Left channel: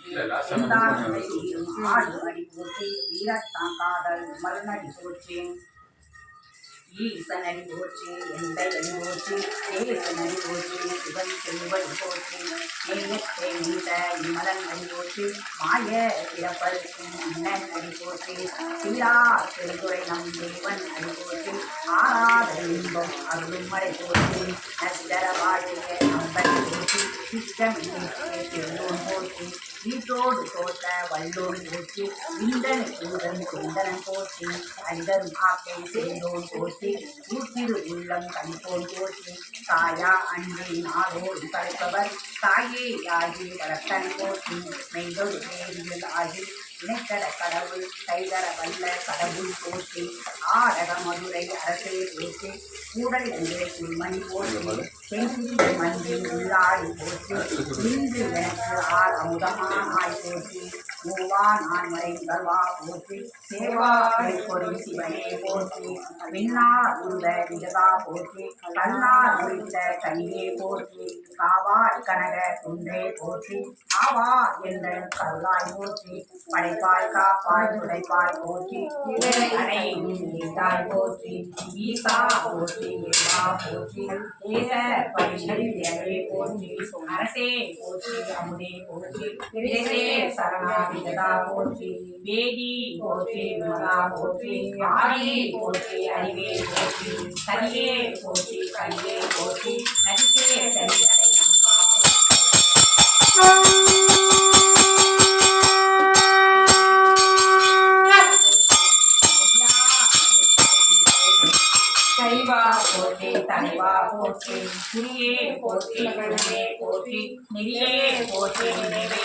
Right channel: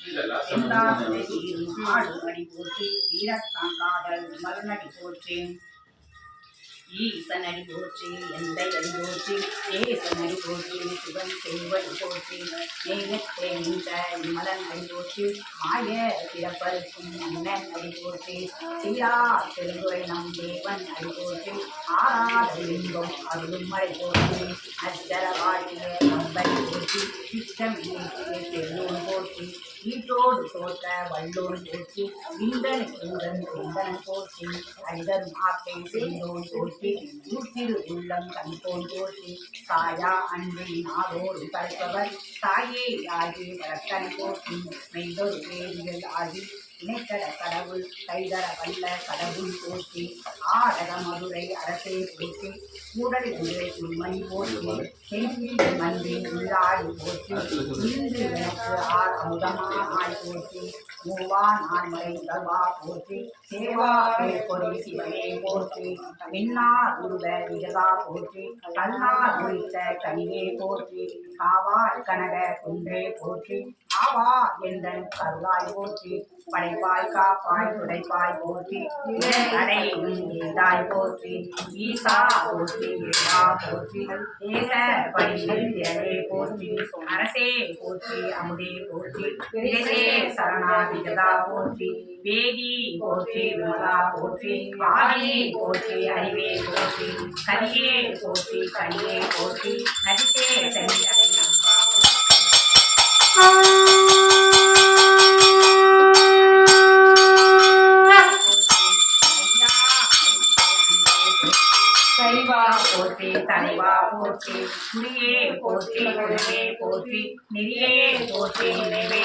போற்றி இல்ல, last எல்லா time வந்து உலகீரும் ஆடு அடி போற்றி வீரத்தான் காதல் மருநடி போற்றி ஈசன் அடி போற்றி எந்தை அடி போற்றி ஏசன் அடி போற்றி சிவன் செல்வடி போற்றி நெய்யத்தை நின்ற இம்மலன் அடி போற்றி மாய பிறப்பருக்கும் அண்ணன் அடி போற்றி சீரா பெருந்துரை நம் தேவன் அடி போற்றி ஆராத இன்பம் அருளும் மழை போற்றி நச்சர வாழிய நம்பன் போற்றி வீட்டோடு தோற்ற வல்லோன் போற்றி விந்தன் கூதன் குந்தனன் போற்றி அரிதரும் ஆப்பை செய்தோன் போற்றி ஊத்திரு உள்ளம் கணிப்போன் போற்றி தாயா அன்பின் நாளோடு படைப்பவர் தாயே ஆகி வளர்த்தனை போற்றி மெய்தொரு வேதிகள் ஆகி இணைத்தர கடவுள் கைதர வல்ல கடவுள் போற்றி ஆடக மதுரை அரசே போற்றி கூடல் உங்களை குள்மணி போற்றி செங்கில் மண்ணில் உள்ளாடி போற்றி. இன்று எனக்கு ஆர் அமுதமாய் போற்றி. மூவா நான் மறைந்தவா போற்றி. சேவா பொறி சிவனே போற்றி. மின்னா உருவ விகதா போற்றி. கண்ணா குறித்த கனியே போற்றி. காவாய் கனக குன்றே போற்றி. ஆவா என்ற கருளாய் போற்றி. படைப்பாய் காப்பாய் துடைப்பாய் போற்றி. அடையும் ஏதாய் போற்றி. ஈசா போற்றி ஏதா போற்றி. ஏக பரிசே போற்றி அரசே போற்றி அமுதே போற்றி. விரசே சரணாதிகதா போற்றி. வேதி போற்றி விமலா போற்றி. ஆதி போற்றி அறிவே போற்றி. கரியே போற்றி கரியே போற்றி. நதித்தே சென்றடை அம்மா. கைவா போற்றி தலைவா போற்றி குறியே போற்றி குருவே போற்றி நெறியே போற்றி நினைவே